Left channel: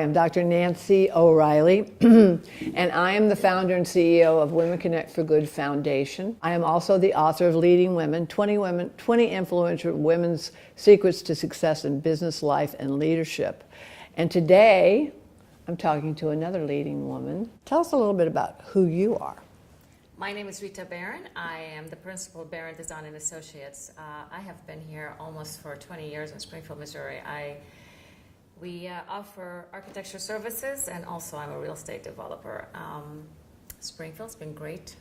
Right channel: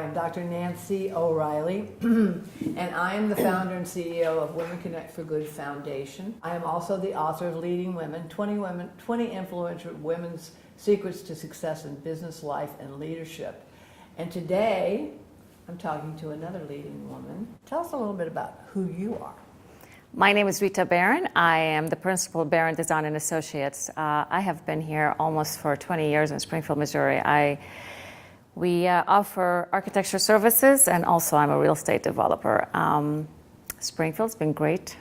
Hi, I'm Dr. Nancy O'Reilly, and I am the founder and CEO of Women Connect for Good Foundation. I am also the author of Leading Women, 20 influential women's secrets to success in business, life, and leadership. And today, I'm talking to another leading woman. Tell us a little bit about who you are. My name is Rita Baron. I am the principal of Baron Design and Associates. I have been here almost for 20 years in Springfield, Missouri. We offer architecture services, and also I'm a real estate developer. Springfield's been great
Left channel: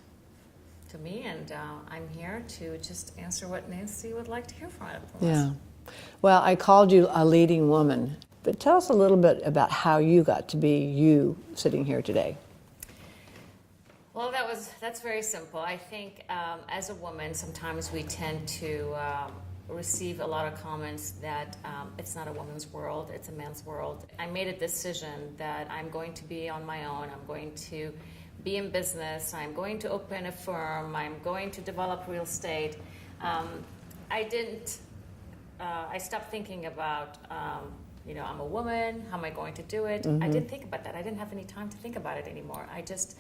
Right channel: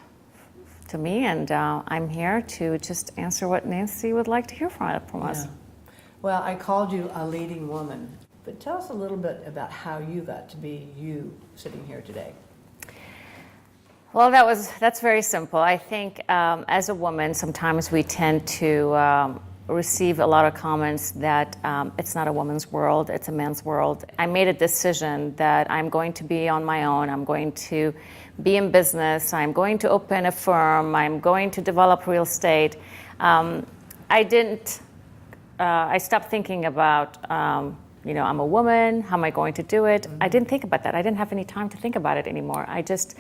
to me, and I'm here to just answer what Nancy would like to hear from us. Well, I called you a leading woman, but tell us a little bit about how you got to be you sitting here today. Well, that's very simple. I think as a woman, sometimes we tend to receive a lot of comments that it's not a woman's world, it's a man's world. I made a decision that I'm going to be on my own. I'm going to be in business. I'm going to open a firm. I'm going to develop real estate. I stopped thinking about, I'm a woman. How am I going to do it? Mm-hmm. I didn't think about that. I didn't have any time to think about it anymore. I just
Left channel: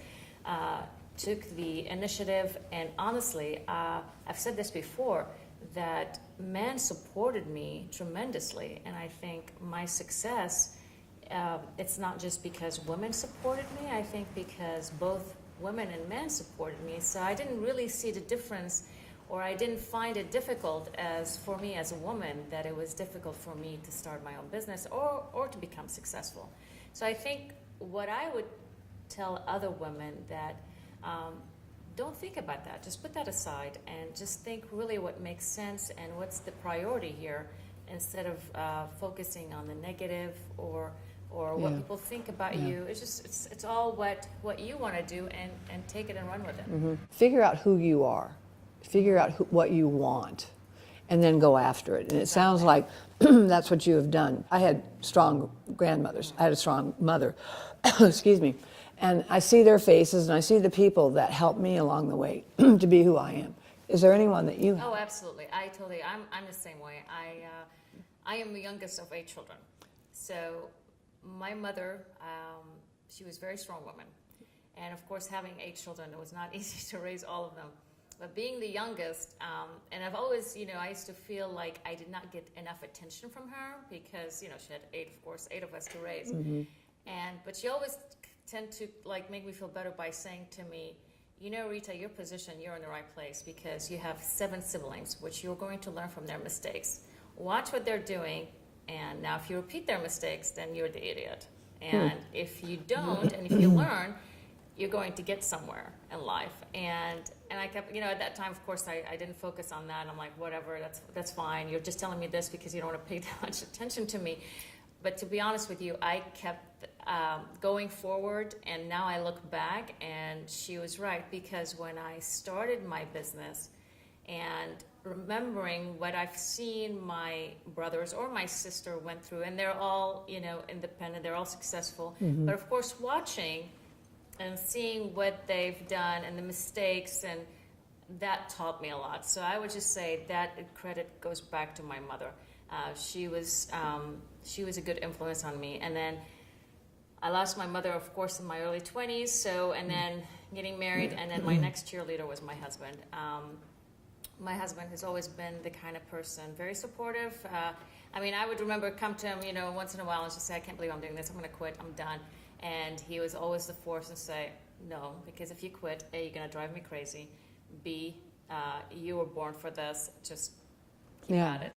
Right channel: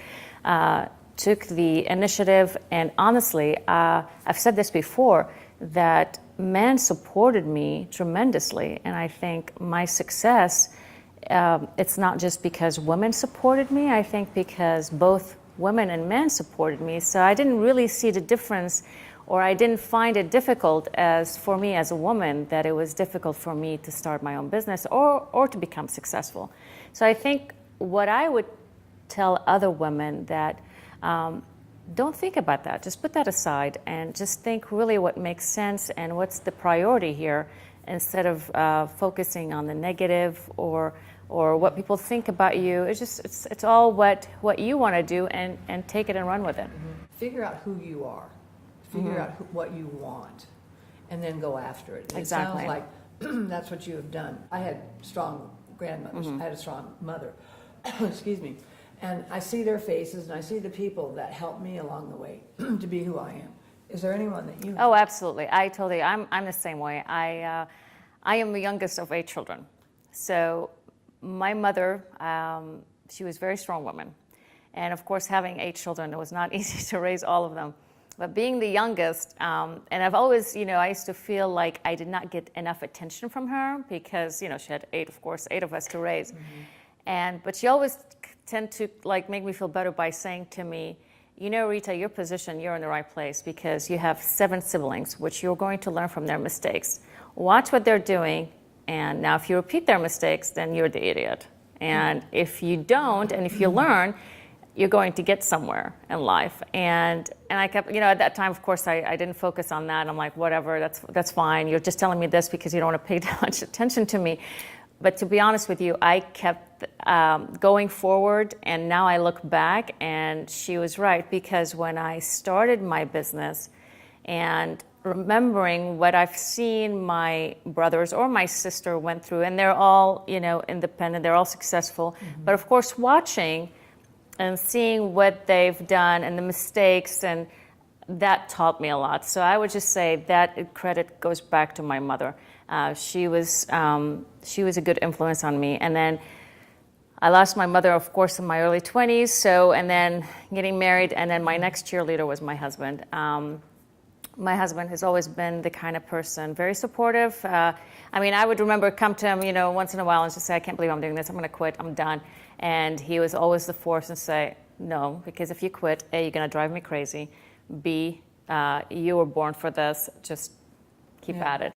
took the initiative, and honestly, I've said this before, that men supported me tremendously, and I think my success, it's not just because women supported me, I think because both women and men supported me, so I didn't really see the difference, or I didn't find it difficult for me as a woman, that it was difficult for me to start my own business or to become successful. So I think what I would tell other women that don't think about that. Just put that aside and just think really what makes sense and what's the priority here, instead of focusing on the negative or what people think about you. It's all what you want to do, and take it and run with it. Mm-hmm. Figure out who you are. Figure out what you want, and then go after it. And It sounds like that's what you have done. I had strong grandmothers. Mm-hmm. I had a strong mother. Excuse me. And I see their faces, and I see the people that helped me along the way to be who I am. Is there anyone that you... Oh, absolutely. I told you, I'm the same way. I am the youngest of 8 children. So my mother, she was a very strong woman. And of course, having 8 children, it was not easy to raise all of them. But being the youngest, and I've always, I used to feel like I did not get enough attention from her because, she had 8 of us to raise. Mm-hmm. But she always tend to make me feel better by saying to me, Rita, your position, you're in the right place because you have 7 siblings, which you're going to learn from their mistakes. Watch what they're doing, and now if you repeat their mistakes, then you're the idiot. And if you don't, and if you learn, you're going to get somewhere in life. And I kept, at that time, of course, I didn't focus on that. I'm like, whatever, that's fine. You're just telling me this because you don't want to pay that much attention to me. But to be honest with you, I kept going forward, and now I look back, and she was right, because when I started my business and remembering what I've seen my brothers or my sister went through, and they're all, independent, they're all successful, but of course watching and seeing what they've done and the mistakes, and that taught me a lot. So I would just say that credit goes back to my mother. She was a good influence on me. And then I lost my mother, of course, in my early 20s. So, and then getting married, and then my next cheerleader was my husband. My husband has always been the kind of person, very supportive. I would remember come to him, once in a while and just say, I can't believe I'm doing this. I'm going to quit. I'm done. And he was always the force and say, no, because if you quit, A, you're going to drive me crazy. B, you were born for this. Just keep at it.